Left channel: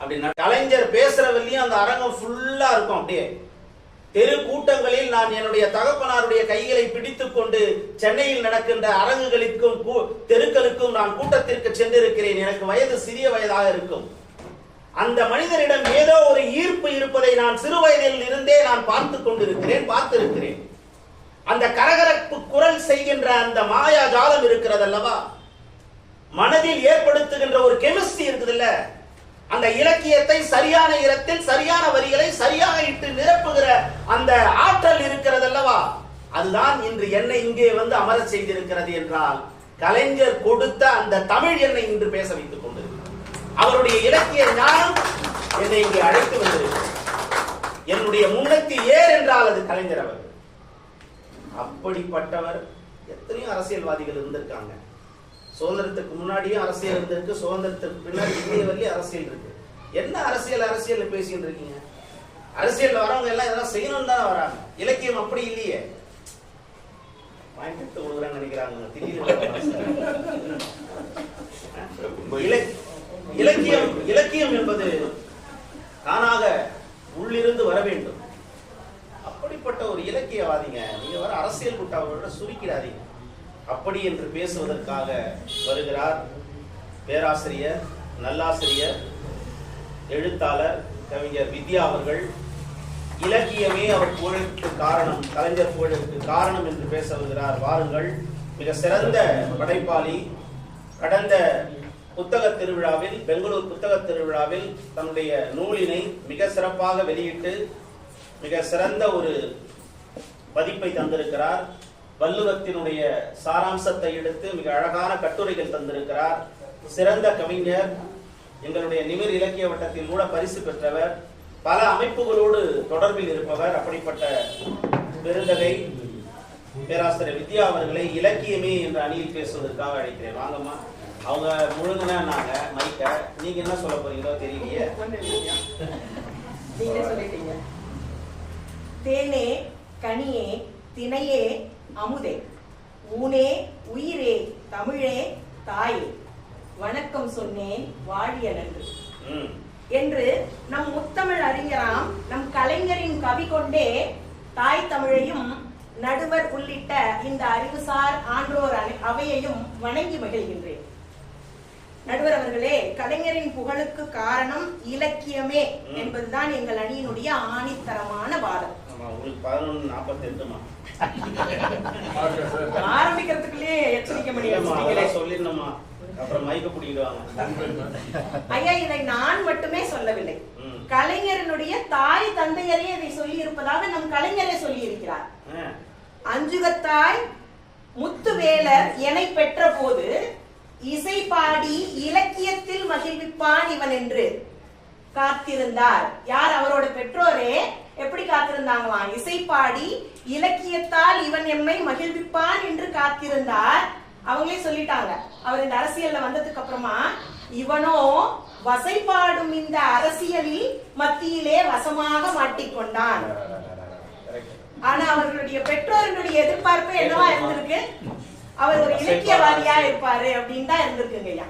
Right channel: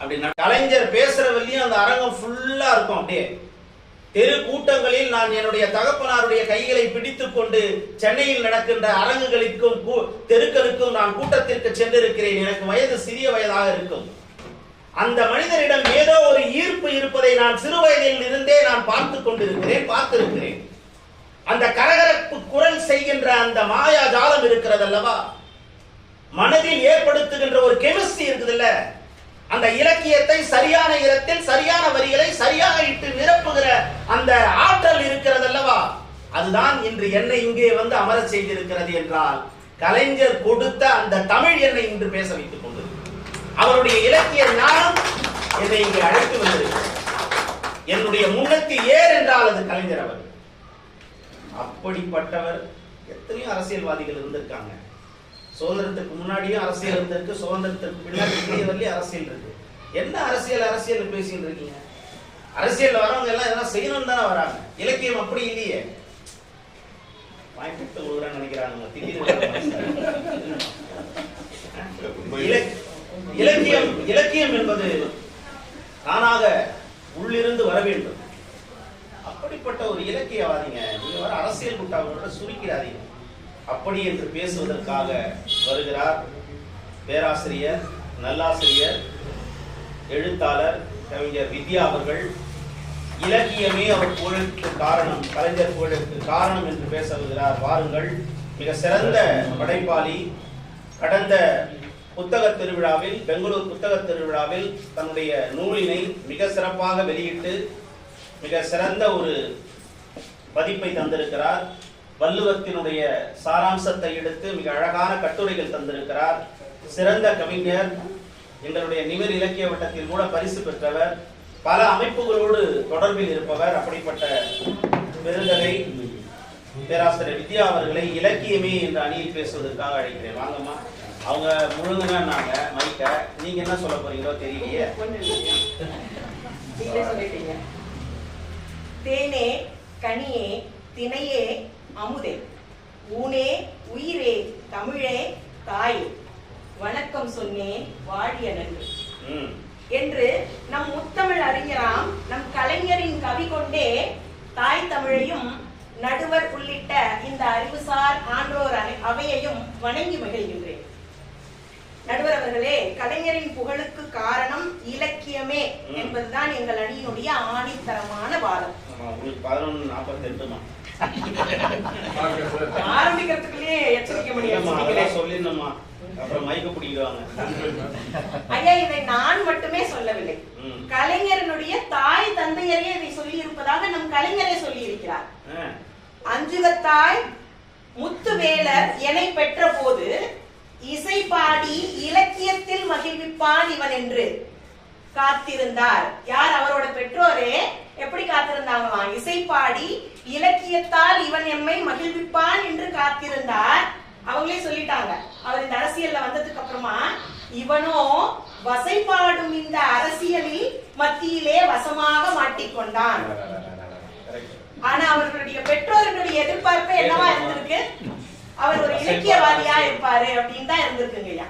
அப்படின்னா கலைஞர் பேசுறவரையும் அந்த அரங்கம் ஃபுல்லா இருக்கும் அப்படியே. தெரு கூட்டங்களில் நான் என்னுடைய தகப்பனாருடைய கைகளை பிடித்துக் கொண்டு சென்னையில் நடக்கின்ற அரங்குகளுக்கும் கூ- தெருக்களுக்கும் நான் கூட்டத்திற்கு சென்றிருக்கிறேன். எனக்கு வயது சிறிய வயதாக இருக்கும். அந்த மனிதரிடம் ஏதோ ஒரு ஈர்ப்பு இருப்பதை நான் சிறு வயதில் இருந்தே நான் பார்த்து கொண்டிருக்கிறேன் பார்த்திருக்கிறேன். அந்த கரகரப்பு குரல் செய்கின்ற அந்த மாயா ஜாலம் இருக்கிறது அல்லவா மனதில் ஏற்படுத்துகின்ற ஒரு கெமிஸ்ட்ரி இருக்குதுல்ல? அந்த இலக்கியத்தை சரியான இடத்தில் சரியான வரிகளை சரியாக இட்டு நிரப்புகிற அந்த ஆற்றல் இருக்கிறது அல்லவா அதுதான் இன்று என்னை இங்கே வந்து அமர செய்திருக்கிறது என்றால் கலைஞர் கொடுத்த அந்த தமிழ் என்னை இன்று பேச வைத்துக் கொண்டது அவருடைய இலக்கிய ஞானம் என்னை இங்கே அழைத்து வந்திருக்கிறது. என்னுடைய முன்னத்தி ஏர் என்றால் அது கலைஞர் அவர் அப்படிப்பட்டவர் எத்தனையோ அரசியல்வாதிகள் இருந்திருக்காங்க. சுதந்திரத்துக்கு முன்னாடியும் அரசியல் இருந்திருக்கு சுதந்திரத்துக்கு பின்னாடி இந்திய வரலையும் அரசியல் இருக்கு. என்ன அரசியல் அரசியல் பேசிட்டு இருக்கீங்க? அரசியல் வரவங்க எல்லாம் இதெல்லாம் செய்யணும் தானே வராங்க. இலக்கியம் அப்படி இல்லையே. வாங்கிட்டு நினைக்கிறாங்க இல- இலக்கியம் இலக்கியம் என்பது தானாக உள்ளிருந்து வர வேண்டும். அப்படிப்பட்ட ஒரு இலக்கியவாதிங்க நீங்க வர அரசியல் கூட்டாளர்களோட சுருக்கிறாதீங்க அப்படி என்று பேசுவதற்காக வருகிறார் பேராசிரியர் நல்லாசிரியர் எழுத்தாளர் கவிஞர் வித்யா அவர்கள். இலக்கியமே அவர் புகழுக்கு காரணம் கலைஞர் புகழுக்கு காரணம் என்று பேச வருகிறார். வாருங்கள். மிக சிறந்த படைப்பாளி. கடந்த புத்தக திருவிழாவில் பெங்களூர் புத்தக திருவிழாவில் தன்னுடைய நூலினை மிக சிறப்பாக வெளியிட்டு மிக சிறந்த ஒரு பதிப்பை தந்திருக்கிறார். வள்ளுவத்தினுடைய சாராம்சத்தை எடுத்து மிக அழகான கட்டுரைகள் தந்திருக்கிறார். சிறந்த கவிஞர் எங்களுடைய நிமிர் இலக்கிய வட்டத்தில் கூட பரிசு பெற்றவர் பல அமைப்புகளோடு தொடர்பில் இருப்பவர் அப்படிப்பட்ட பெருந்தகை பேராசிரியர் வித்யா அவர்களை இலக்கியமே என்ற அணியில் பேசுவதற்காக அழைக்கிறேன். வாங்கம்மா. அவங்க முழுங்கினாங்க மைக்க. நீங்க என்ன சொல்ல போறீங்களோ தெரியலையே. சொல்லிட்டீங்க. தேனே கனியே தினையே அமுதே. ஊனே உயிரே தமிழே தாயே. வணக்கம் சொன்னேன் வாழிய நன்று. என்று நம் முத்தமிழ் அறிஞராம் நம் கலைஞரின் கவி கொண்டே தாய் தமிழையும் நடுவர் உள்ளிட்ட இந்த அறிவுசார் ஆன்றோர் அவையையும் வணங்கி மகிழ்கின்றேன். நடுவர் அவர்களே கலைஞரின் புகழுக்கு காரணம் இலக்கியமே. என்பதுதான் எங்கள் அணியினுடைய ஆணித்தரமான வாதம் உங்களுக்கு பதினொன்று நாற்பத்தெட்டுமா ஆரம்பிக்கிறதுக்குள்ளே எச்சரிக்கை மணி இல்லம்மா, அடிச்சிட்டீங்களே. அதெல்லாம் சொல்லிடணுமா அப்புறம் மைக்க பிடிக்கிடுவாங்க ஐயா இதை நான் மட்டுமே சொல்லவில்லை. கலைஞரனுடைய தாய் தந்தையரே இதை சொல்லி இருப்பதாக நம் கலைஞரே சொல்லி இருக்கிறார் அஞ்சுகத்தாய் முத்துவேலர் எனை பெற்ற போது இசை பாடி இலக்கியத்தில் மகிழ்விப்பான் இவன் என்று காத்திருந்தார். யார் அவரோட பெற்றோரே? எப்படி காத்திருந்தாங்களாம்? இசை பாடி இலக்கியத்தால் இவன் எம்மை மகிழ்விப்பான் என்று காத்திருந்தார். அவங்களே சொல்லிட்டாங்க. அவர் இந்த அரசியல்ல வந்ததுக்கு அப்புறமா இவனோ வசைபாடும் இந்த அரசியலில் மத்தியிலே வசமாக மாட்டிக்கொண்டான். ஆனா அவர்களுடைய பெற்றோர்களுடைய எதிர்பார்ப்பு என்னவா இருந்திருக்கு? அவர் ஒரு இலக்கியவாதியா இருப்பாரு அப்படின்னு தான் இருந்திருக்குங்க ஐயா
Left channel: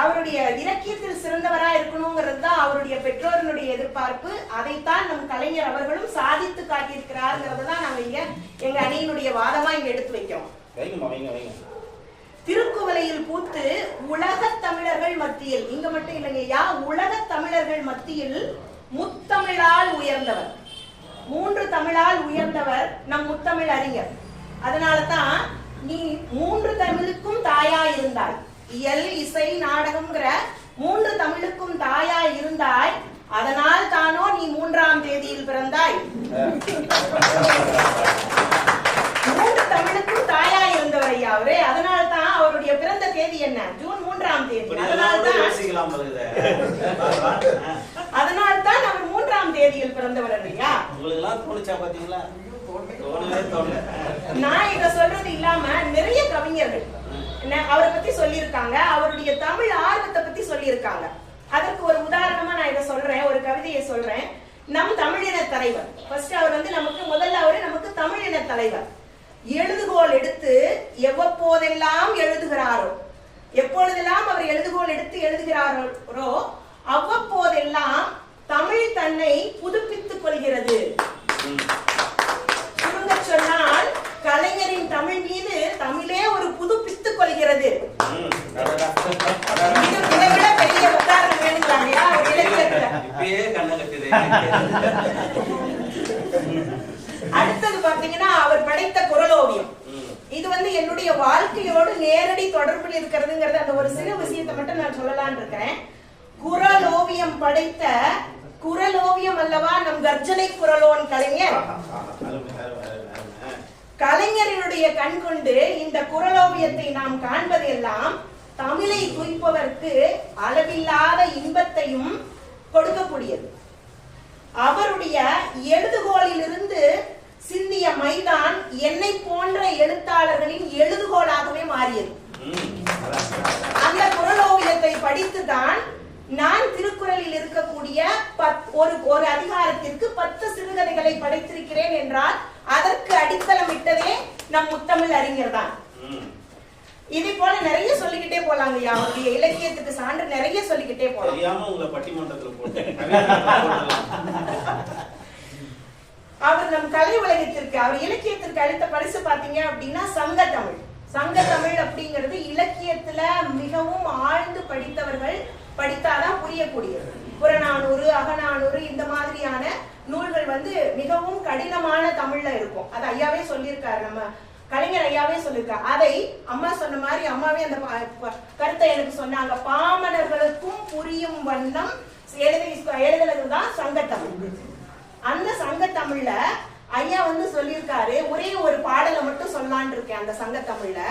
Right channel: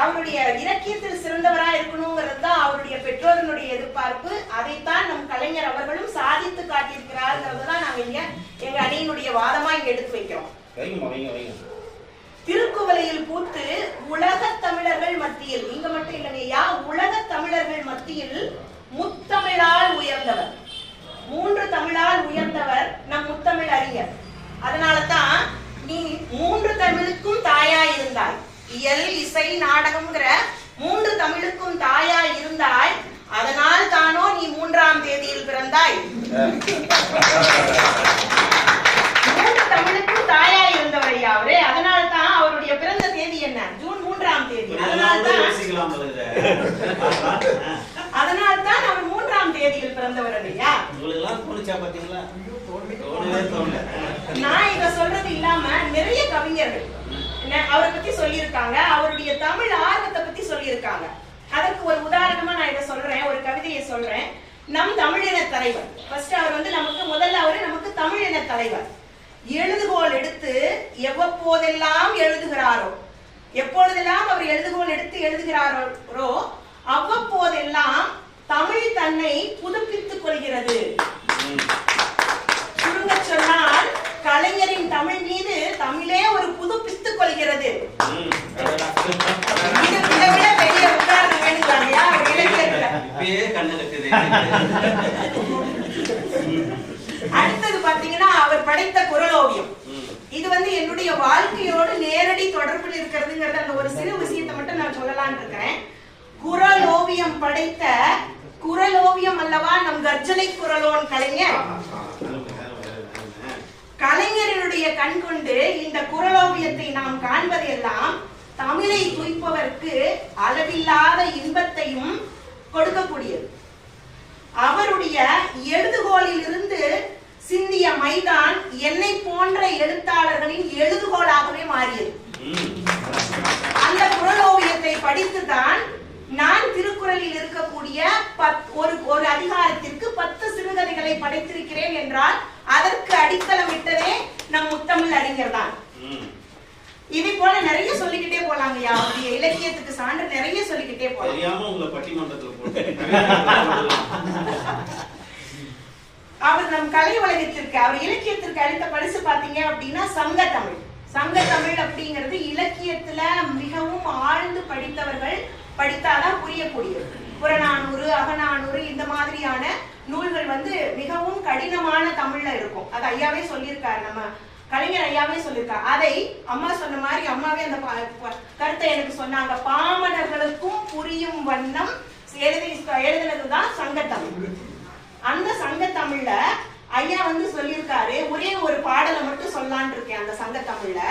அவருடைய இலக்கியத்தில் சிறந்தவரா இருக்கணுங்கிறது தான் அவருடைய பெற்றோர்களுடைய எதிர்பார்ப்பு. அதைத்தான் நம் கலைஞர் அவர்களும் சாதித்து காட்டியிருக்கிறாருங்கிறது தான் நாங்க இங்க எங்க அணியினுடைய வாதமா இங்க எடுத்து வைக்கிறோம். திருக்குவளையில் பூத்து உலக தமிழர்கள் மத்தியில் இங்க மட்டும் இல்லைங்கய்யா உலக தமிழர்கள் மத்தியில் முத்தமிழால் உயர்ந்தவர். மூன்று தமிழால் உயர்ந்தவர் நம் முத்தமிழ் அறிஞர் அதனால தான் நீ மூன்று தமிழுக்கும் தாயா இருந்தாய் இயல் இசை நாடகம்ங்கிற மூன்று தமிழுக்கும் தாயா இருந்தாய். அதனால் தானோ நீ மூன்றாம் தேதியில் பிறந்தாய். மூன்று தமிழுக்கும் தாயா இருந்தவர் ஐயா அவரே. அதனால தான் அவருடைய பிறந்த தேதி என்ன? ஜூன் மூன்றாம் தேதி. அதனால தான் அதனால தான் அவர் மூன்றாம் தேதியில் பிறந்தவர் தோணல. நான் இத சொல்றது இல்லாம நிறைய கவிஞர்கள் அவரை பத்தி சொல்லியிருக்காங்க. அவருடைய தமிழ் ஆர்வத்தை பத்தி சொல்லியிருக்காங்க. அதற்கு ஒரு உதாரணமா நான் இதை சொல்றேன் ஒரு கவிதையை சொல்றேன். நம் தமிழின தலைவர். ஃபர்ஸ்ட் அவர் வந்து நமக்கு முதல்ல அவரு நமக்கு தமிழின தலைவர். எழுதுகோல் எடுத்து எவ்வப்போதெல்லாம் எழுதுகிறாரோ எப்பொழுதெல்லாம் அவர் எழுதுகோல் எடுத்து எழுதுகிறாரோ அவ்வப்போதெல்லாம் தமிழ் தன்னை புதுப்பித்துக் கொள்கிறது. கலைஞரின் தமிழ் மீது தமிழே ஒரு கொள்கிறது. இது இதை விட பெரிய உதாரணம் அடுத்தது பாத்தீங்கன்னா அவர் படைத்த குரலோவியம். இது வந்து என்னுடைய வாழ்க்கையோடு நேரடி தொடர்பில் இருக்கிறதுங்கிறது அந்த ஒரு சிறு விஷயத்தை மட்டும் நான் சொல்லலாம்னு இருக்கிறேன். குரல் ஓவியம் படைத்த குரல் ஓவியம் அல்லவா? நம் கர்ஜனை குரலோன் கலைஞர். கலைஞரினுடைய கண் கொண்டு இந்த குரலோவியத்தை நாம் காண்பதெல்லாம் தமிழை துய்ப்பவர்க்கு அளவில்லாத இன்பத்தையும் கொடுக்கக்கூடியது. அவருடைய எழுதுகோலிலிருந்து சிந்திய மைதான் என்னை போன்ற எழுத்தாளர்களின் எழுதுகோலாகவே மாறியது. அந்த குரலோவியத்தை படித்துதான் நான் திருக்குறளில் இருக்கக்கூடிய ஒரு ஒரு அதிகாரத்திற்கு பத்து சிறுகதைகளை படைத்திருக்கிறேன் என்றால் அதற்கு அடித்தளமிட்டதே நம் முத்தமிழ் அறிஞர் தான். இது போல நிறைய சொல்லிக்கிட்டே போலாங்கய்யா அவருடைய இலக்கியத்துக்கு சான்று நிறைய சொல்லிக்கிட்டே போலாம். தெரியாம உங்களை பட்டிமன்றத்துல அவர் நம் கலை உலகத்திற்கு அவர் இலக்கியத்திற்கு அளித்த பரிசு பாத்தீங்க அப்படின்னா சங்க தமிழ் சங்க தமிழ் அப்படிங்கிறது இலக்கியத்துல மிகவும் ஆழ்ந்து படித்தவர்கள் படித்தாதான் புரியக்கூடியது புறநானூறு அகநானூறு இந்த மாதிரியான நூல்கள் வந்து மிகவும் கடினமான தமிழ்ல இருக்கும். அது ஐயாவே சொல்லியிருக்காரு. நம்ம கலைஞர் ஐயாவே சொல்லியிருக்காரு அதை அம்மா சொன்ன மாதிரி அம்மாவே அந்த கருத்தை எனக்கு சொன்னாங்க. பாமரர்களுக்கும் புரியும் வண்ணம் எழுதி எழுதுனதுதான் சங்க தமிழ் அந்த சங்க தமிழ்ல ஐயா வந்து சொல்லியிருக்காரு ஒரே ஒரு பாடலை மட்டும் சொல்லலாம்னு இருக்கேன் அந்த சங்க தமிழ்ல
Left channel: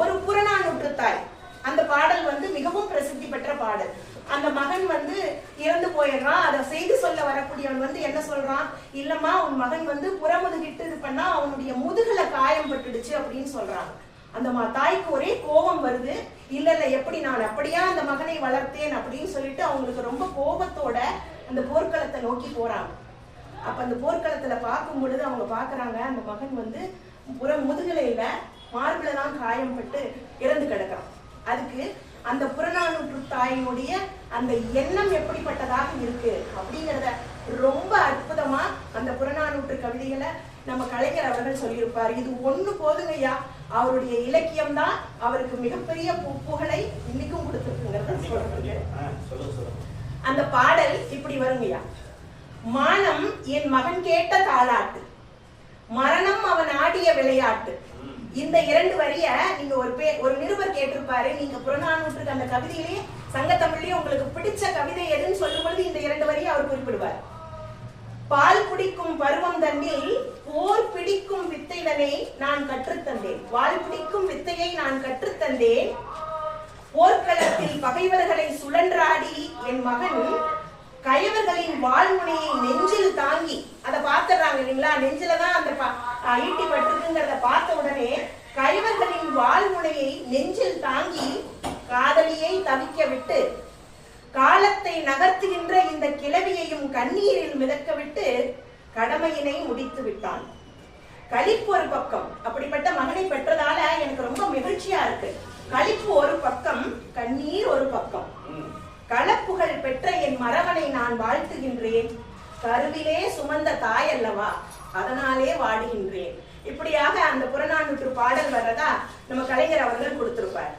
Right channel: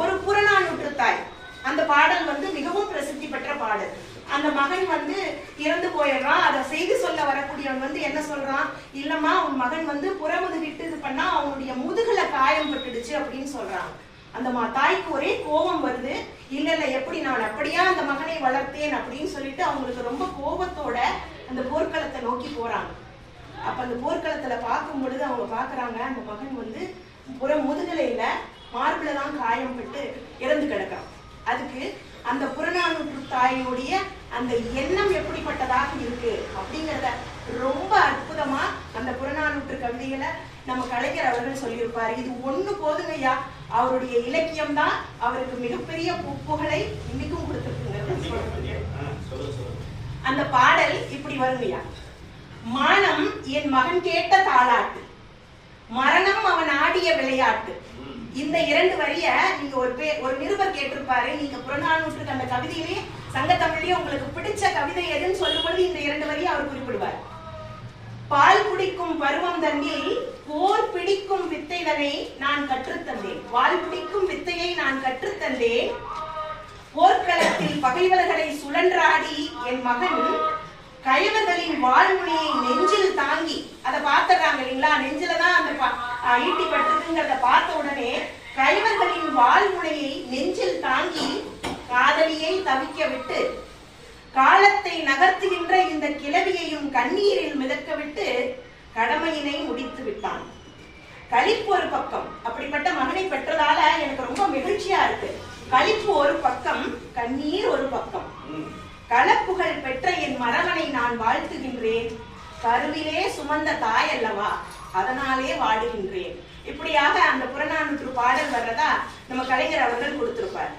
ஒரு புறநானூற்று தாய் அந்த பாடல் வந்து மிகவும் பிரசித்தி பெற்ற பாடல். அந்த மகன் வந்து இறந்து போயிடுறான். அதை செய்து சொல்ல வரக்கூடியவன் வந்து என்ன சொல்றான்? இல்லம்மா உன் மகன் வந்து புறமுதுகிட்டு இது பண்ணா அவனுடைய முதுகுல காயம் பட்டுடுச்சு அப்படின்னு சொல்றான் அந்த மா தாய்க்கு ஒரே கோபம் வருது. இல்ல இல்ல எப்படி நான் அப்படியா அந்த மகனை வளர்த்தேன் அப்படின்னு சொல்லிட்டு அவங்களுக்கு ரொம்ப கோபத்தோட அந்த போர்க்களத்தை நோக்கி போறாங்க. அப்ப அந்த போர்க்களத்துல பார்க்கும் பொழுது அவங்க பாக்குறாங்க அந்த மகன் வந்து புற முதுகலையில மார்பிளதான் காயம் பட்டு இறந்து கிடக்கிறான். அதுக்கு அந்த புறநானூற்று தாயினுடைய அந்த எண்ணம் எப்படிப்பட்டதாக இருக்கு அப்படிங்கறத ரொம்ப அற்புதமா அந்த புறநானூற்று கவிதைகளை நம்ம கலைஞர் அவர்கள் சொல்லியிருப்பார். இது ஒண்ணு போதுங்கய்யா. அவருடைய இலக்கியம் தான் அவருக்கு மிகப்பெரிய புகழை இன்னைக்கும் கொடுத்துருக்குங்கிறத அந்த பாடல் இப்படி வருங்கய்யா. மானம் என் மகன் கேட்ட தாளாட்டு மரணம் அவன் ஆடிய விளையாட்டு. இந்த இரண்டு வரிய நீங்க ஒரு பே ஒரு நிருபர் கேட்டிருப்பாரு. நீங்க புறநானூற்றுக்கு அந்த கவிதையிலேயே சங்க தமிழ்லயே உங்களுக்கு பிடிச்ச கவிதை எதுன்னு சொல்லும் பொழுது இந்த இரண்டு வரியை அவர் குறிப்பிடுவார். பால் குடிக்கும் பருவம் தன்னில் போர் பிடிக்கும் வித்தைகளை நான் கற்றுத்தந்தேன். பால் பிடிக்கும் வித்தையை நான் கற்றுத்தந்தேன். போர்க்களத்தில் பகைவர்களை சுழன்றாடி என் மகன் கயவர்களின் வாழ்முனையை நெஞ்சில் தாங்கி. அதை பார்த்துடுறாங்க இல்லைங்களா? நெஞ்சில தான் அந்த ஈட்டி பட்டிருக்குங்கிறத பார்த்த உடனே கயவர்களின் வாழ்முனையை நெஞ்சில் தாங்கி காதலியை தவிக்க விட்டு காலத்தை நகர்த்துகின்ற இந்த கிளவியையும் கண்ணீரில் மிதக்க விட்டு கடமையினை முடித்து விட்டான். கழிப்பு ஒரு பக்கம். அப்படிப்பட்ட மகனை பெற்றதால எனக்கு ரொம்ப மகிழ்ச்சியா இருக்கு. கழிப்பு ஒரு பக்கம் கண்ணீர் ஒரு பக்கம். ம். களப்புகள் பெற்ற என் மரகனை நான் வாழ்த்துகின்றேன். கருவிலே சுமந்த தாய் அல்லவா அதனாலே வாடுகின்றேன். இப்படியாக அந்த புறநானூற்று பாடல் வர்றதா நம்ம கலைஞர் அவர்கள் கொடுத்திருப்பார்.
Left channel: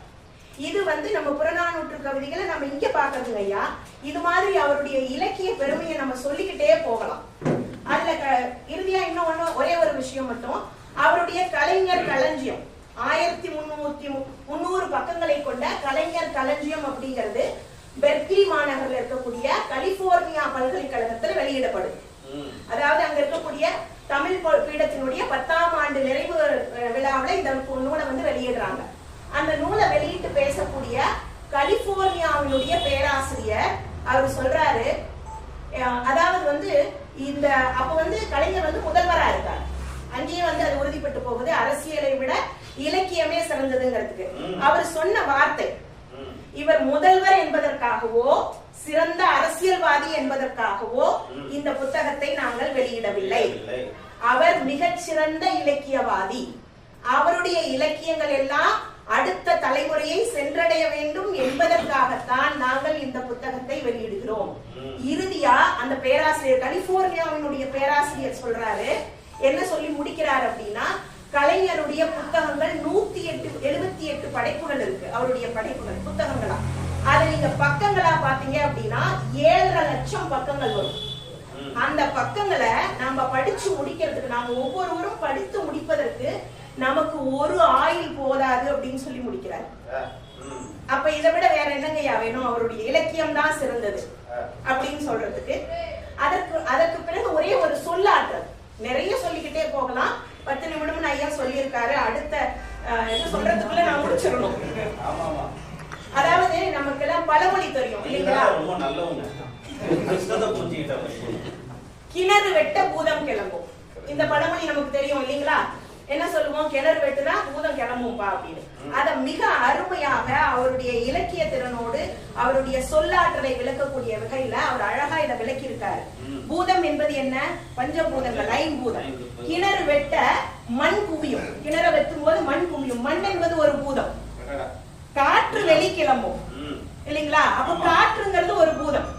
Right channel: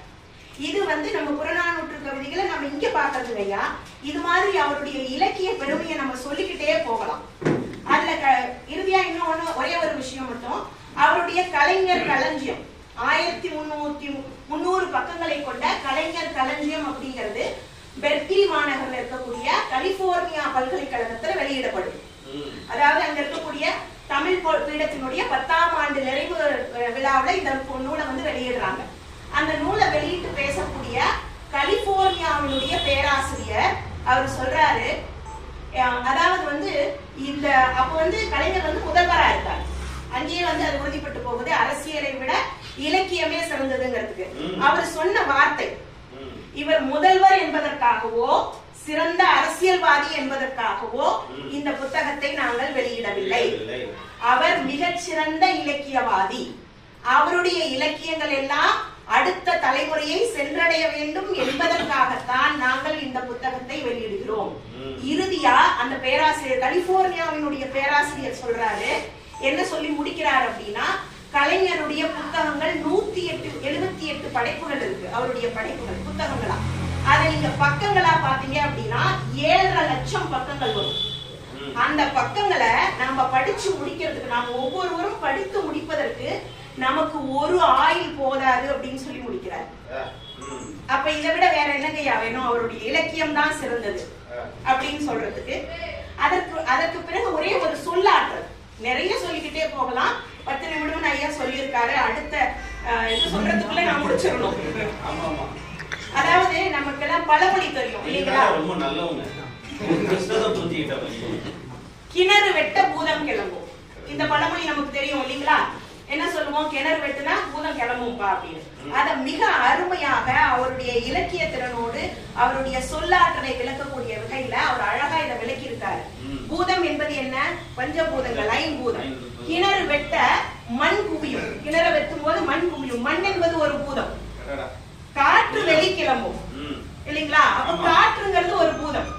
இது வந்து நம்ம புறநானூற்று கவிதைகளை நம்ம இங்க பாக்குறது ஐயா. இது மாதிரி அவருடைய இலக்கிய பெருமையை நம்ம சொல்லிக்கிட்டே போகலாம். அதுல க- இறுதியா இன்னும் ஒண்ணு ஒரே ஒரு விஷயம் மட்டும். அவருடைய கலைஞர் களஞ்சியம். ஆயிரத்தி முன்னூத்தி மு- முந்நூறு பக்கங்களை கொண்ட கலைஞர் களஞ்சியம் அப்படிங்கிறது பெர்க்லி மாநகர்ல இருக்கக்கூடிய கலிபோர்னியா பல்கலைக்கழகத்துல வெளியிடப்படும். அதாவது அங்க இருக்கக்கூடிய தமிழ் பீடத்தினுடைய பத்தாம் ஆண்டு நிறைவு விழாவுல இந்த நூலை வந்து வெளியிடுறாங்க அந்த நூலை வெளியிட்டு பேசக்கூடிய கலிபோர்னியாவினுடைய பேராசிரியர் அவர் சொல்றாரு அதாவது வந்து இந்த அப்ப வந்து கலைஞர் வந்து முதல்வரா இருக்கார் அங்கேயே வந்து அது உறுதிப்பட்டு போகுது அரசியலை விட இலக்கியமே சிறந்ததுங்கிறதுக்கு. அவர் சொன்ன வார்த்தை. இவர் முதல்வர் என்பதற்காகவோ சிறந்த அரசியல்வாதி என்பதற்காகவோ. இந்த புத்தகத்தை நாங்கள் வெளியிடவில்லை. அவர் மிகச்சிறந்த இலக்கியவாதி அவருடைய இலக்கியங்கள் எல்லாம் அடுத்த தலைமுறையை சென்றடைய வேண்டும் என்பதற்காகத்தான் நாங்கள் இந்த புத்தகத்தை வெளியிடுகிறோம். இறுதியா அந்த பேராசிரியர் கலிபோர்னியாவினுடைய பேராசிரியர் சொல்றாரு என்ன சொல்லி முடிக்கிறார் அப்படின்னா கலைஞருடைய புத்தகங்கள் நூத்தி எட்டு எழுபத்தி எட்டு படைப்புகள் இருக்கு. அவருடைய படைப்புகள் புத்தகங்களா. அதை நீங்க பக்கங்களா பாத்தீங்க அப்படின்னா ஏழரை லட்சம் பக்கங்கள் வரும். அந்த பக்கங்களை நாம படிச்சு முடிக்கிறதுக்கு நாம ஒவ்வொருவரும் படித்து முடிப்பதற்கு நமக்கு ஒரு ஆயுள் போதாது அப்படின்னு சொல்லி முடிக்கிறார். அப்ப இதை விட வேற என்னங்கய்யா வேணும்? அவருடைய இலக்கியம் தான் சிறந்தது அப்படின்னு சொல்றதுக்கு. அதற்கு அதற்கு பிறகு ஒரே ஒரு சொல்லாற்றல். நிறைய சொல்லிக்கிட்டே போகலாம். சொல்லியிருக்காரு. அடுத்த இது சொல்றதுக்குள்ள நான் முடிச்சிடணும். அதாவது நமக்கெல்லாம் பழமொழி தெரியும் இல்லைங்களா? கிணறு வெட்ட பூதம் கிளம்பும். இந்த பழமொழி நமக்கு தெரியும் இல்லைங்களா? என்ன சொல்லுவோம்? கிணறு வெட்டுனா பூதம் கிளம்பும்பா அப்படின்னு. அத மிக அருமையாக அவருடைய இலக்கிய திறனோடு அவருடைய சொல்லாற்றலை விளக்கக்கூடிய வகையில அவர் அழகா இதை விளக்கி இருக்காரு. பூதம் என்பது என்ன? பஞ்சபூதங்கள் ஐம்பூதம். கிணறு வெட்ட மண் குவியும். கிணறு வெட்டும் போது மண் குவியும். மண் என்பது ஒரு பூதம். காற்று வெளி கிளம்பும் ம். இல்லைங்களா? அப்ப. காற்றுங்கிறது ஒரு பூதம்.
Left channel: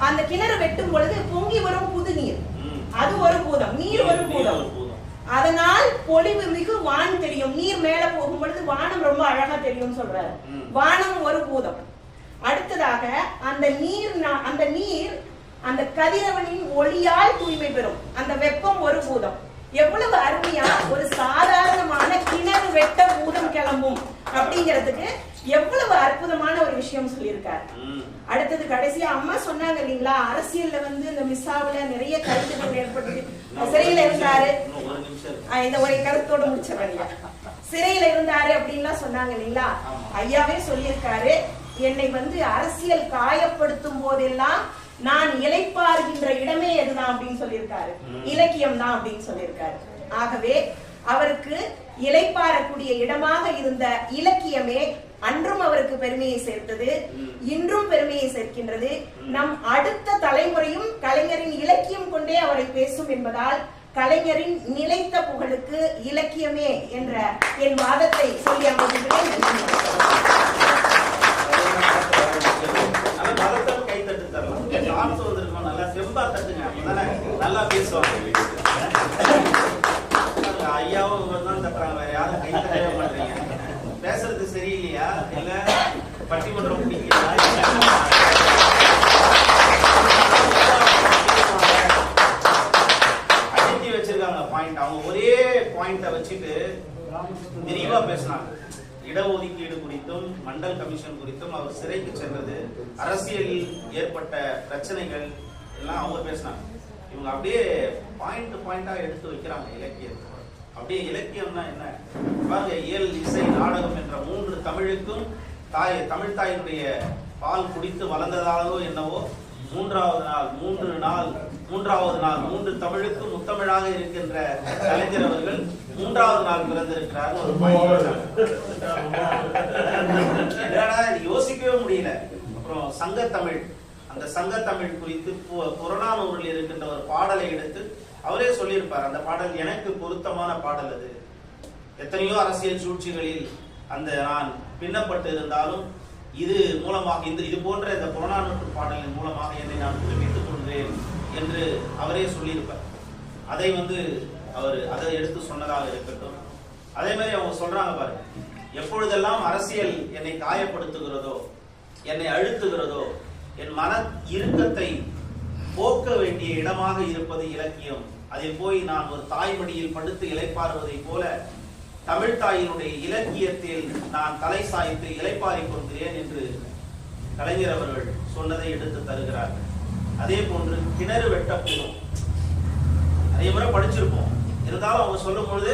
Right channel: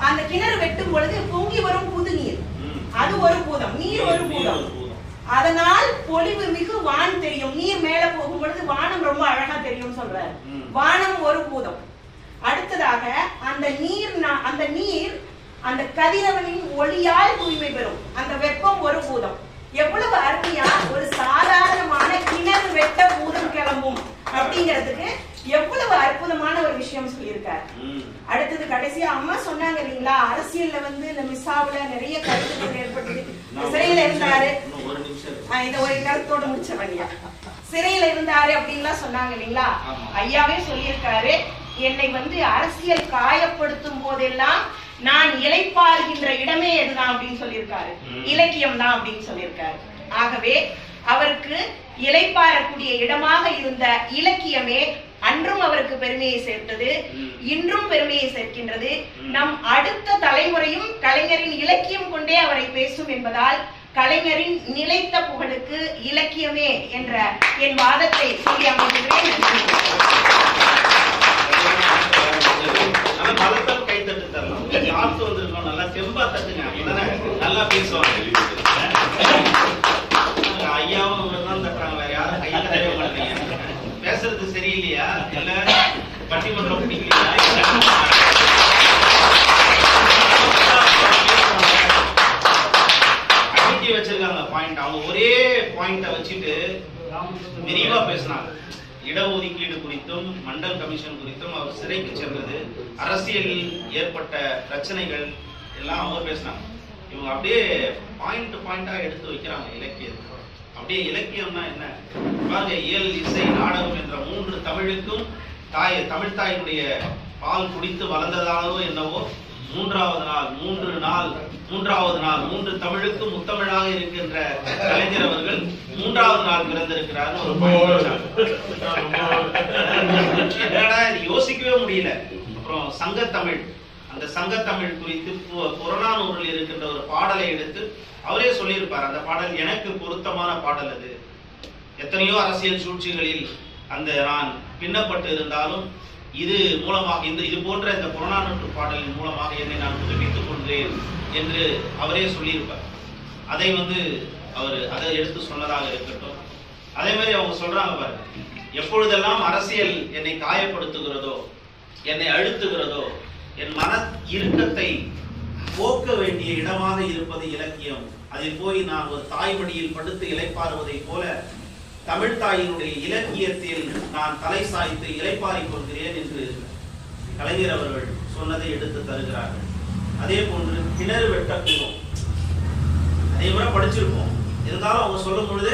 அந்த கிணறு வெட்டும் பொழுது பொங்கி வரும் புது நீர். அது ஒரு பூதம். நீர் ஒரு பூதம். அதனால் பொலிவு மிகு வான் தெரியும். நீர் மேல போகும் பொழுது வானம் ரொம்ப அழகா தெரியும் சொல்றாரு. வானம் ஒரு பூதம். அடுத்ததாக அந்த நீர் அந்த நீர் அந்த கதிரவனின் ஒளியால் தூய்மை பெறும். அந்த வெப்பம் ஒரு பூதம். எவ்வளவு அருமையா ஒரு சாதாரணமான கிணறு வெட்ட பூதம் கிளம்பும் அப்படிங்கிறதுக்கு எவ்வளவு அற்புதமான ஒரு விஷயம் சொல்லியிருக்காரு. அடுத்தது கடைசியா அம்மா சொன்னாங்க இல்லைங்களா? அரசியல்ல வந்து இந்த மிஸ்ஸாவுல நிறைய கருத்துக்கள் ஏற்பட்டது. இன்னும் சிறையில இருந்தாரு. இந்த ஒரு கருத்தோட முடிச்சிடறேன் சிறையில இருந்தாரு அப்படின்லாம் சொன்னாங்க இல்லைங்களா. ஐயாவே சொல்லியிருக்காரு என்னை வந்து அரசியல் காயப்படுத்தும் போதெல்லாம் நான் இளைப்பாறுகின்ற இடமே எதுதான் அப்படின்னு சொல்லியிருக்காரு. இலக்கியம் தான் அப்படின்னு சொல்லியிருக்காரு ஆகவே அவருக்கு இளைப்பாறக்கூடிய இடமாக இருந்த இலக்கியமே அன்றும் அவருக்கு பெருமையை சேர்த்தது. இன்றும் பெருமையை சேர்க்கின்றது. நம் அடுத்த தலைமுறையும் கலைஞரின் இலக்கியம் கொண்டே அவரை பேசும் என்பதால் கலைஞரின் நிலைத்த புகழுக்கு இலக்கியமே என்ற என் வாதத்தை சொல்லி அமைகின்றேன் நன்றி. வந்திருக்கோம், நல்லா செம்பா தட்டுங்க. அப்பதானே நல்லா பேசுவாங்க. ஐயாவும் இவரும் தான் தட்டுறாங்க. வேற யாரும் கை தட்டவே மாட்டீங்க. பேசுறது சரியில்லையா இல்ல பட்டிமன்றம் பிடிக்கலையா அடிக்கி வச்சிருக்காங்க பாயிண்ட் அவங்க ஒரே பாயிண்ட வச்சுட்டு விரிவா பேசுனாங்க இடஒதுக்கீடு குறித்தும் மண்டல் கமிஷன் குறித்தும் அவர் சிறைக்கு சென்றது அரசியலில் ஏற்பட்ட பிரச்சனைகள் எல்லாம் அவங்க பேசினாங்க. இவங்க அப்படியே பாயிண்ட் பாயிண்டாக எடுத்து வைக்கிறாங்க இலக்கியத்தை. அப்படியே இலக்கியம்னா என்ன? பாருங்க இயல் இசை நாடகம் என்ற மூன்று தமிழுக்கும் தாய் தமிழ் தாயினுடைய பால் குடித்து வளர்ந்ததாகவோ என்னவோ மூன்றாவது நாள் மூன்று நாள் மூன்றாவது நாள் மூன்று தமிழுக்கு முத்தமிழாக இருக்கின்ற கலைஞர் அவர்கள் மூன்றாவது நாள் பிறந்திருக்கிறார் ஒரு. என்னடா யோசிக்கவே முடியல. அப்புறம் சங்கத்தமிழ். அந்த சங்கத்தமிழ் குறித்து பு- புறநானூறில் இருக்கின்ற ஒரு பாடலை எடுத்து அவரே சொல்லியிருப்பார். அந்த பாடல் எனக்கு பொருத்தமான பாடல் அது. எத்தனையோ அரசியல் சூழ்ச்சிகளில் அந்த நான் பின்னப்பட்டு இருந்தாலும் இது மூலமாக இந்த இது போன்ற இந்த புறநானூற்று பாடலின் மூலமாக என்னை நான் புதுப்பித்துக் கொள்கிறேன் என்று அவரே சொல்லியிருப்பார். அதை வந்து அவர் அதை எடுத்து சொன்னதாக இருக்கட்டும். அதே மாதிரி அவங்க சொல்றாங்க பாருங்க எப்பொழுதெல்லாம் அரசியல் என்னை காயப்படுத்துகிறதோ என்னை அழுத்துகிறதோ என் மன இறுக்கத்தை போக்க வேண்டிய இடமாக இருப்பது இலக்கியம். அதில் போய் நான் ஒரு தாய்மடியில் படுத்து இலைப்பாறுவதை போல தமிழ் தாயினுடைய இலக்கியத்தில் நான் தலை சாய்த்து இலைப்பாரி கொள்கிறேன் என்று கலைஞர் அவர்கள் சொன்னதை எடுத்து தருகிறார்கள். அதே போன்று கிணறு வெட்டக்கூடும். அதே முறை படிச்சிருப்போம். இருந்தாலும் அவங்க சொல்லும் பொழுது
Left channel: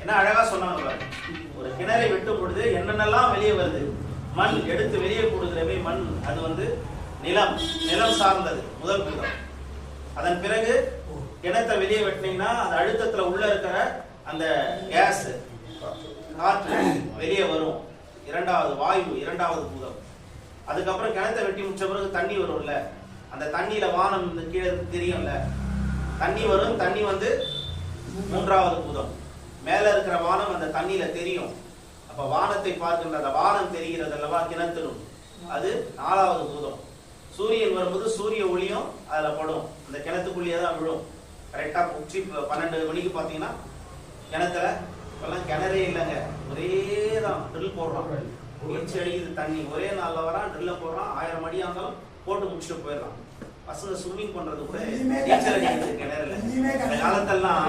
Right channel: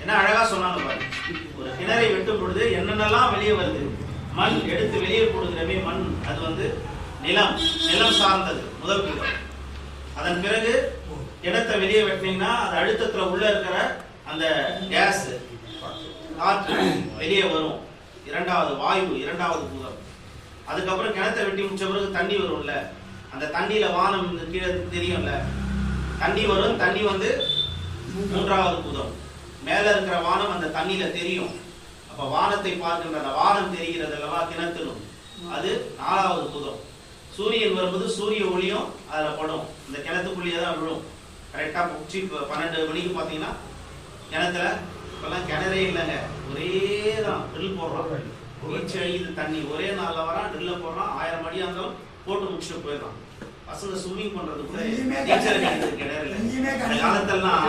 என்ன அழகா சொன்னாங்க ஒரு கிணறை வெட்டும் பொழுது என்னென்னலாம் வெளியே வருது? மண் எடுத்து வெளியே போடுகிறவே மண். அது வந்து நிலம் நிலம் சார்ந்தது முதல் கூடம் அதன் பிறகு இடத்தை வெளியே வெட்டினீங்கன்னா அந்த அழுத்தத்துல உள்ள இருக்கிற அந்த கேஸ் காற்று வெளியே வரும். இரண்டாவது வாயு இரண்டாவது பூதம் அதுக்கப்புறம் கிணத்தை வெட்டி முடிச்ச பிறகு தண்ணி வரும்ல. அந்த தண்ணியில வானம் கீழே தெரியும்ல. தண்ணி வரும் தண்ணி வந்து மூன்றாவது பூதம் மேல இருக்கிற வானம் அந்த தண்ணியில தெரியும். அப்ப வானத்தை பார்க்கின்ற அந்த வானம் தெரிகிறது அல்லவா? கிணத்திலும். அது நாலாவது பூதம் சூரியன் வரும்போது சூரிய ஒளியும் அதுல படும். இந்த கிணத்துக்குள்ளேயே தான் விழும். கரெக்டா உச்சி பன்னெண்டு மணிக்கு பாத்தீங்கன்னா கிணத்துல இப்பெல்லாம் கிணறே இல்லைங்க. ஒரே தான் ட்ரில் போடுறோம். அழியுது தண்ணி. ஒரே நாள்ல வரான் ட்ரில்ல போடுறான். ஆயிரம் அடியா இருந்தாலும் போட்டு முடிச்சுட்டு போயிடறான். பசங்க ஸ்விம்மிங் பண்றது கூட நீச்சல் அடிக்கிறது எங்கேயுமே அந்த கிடையாது. காலத்தெல்லாம்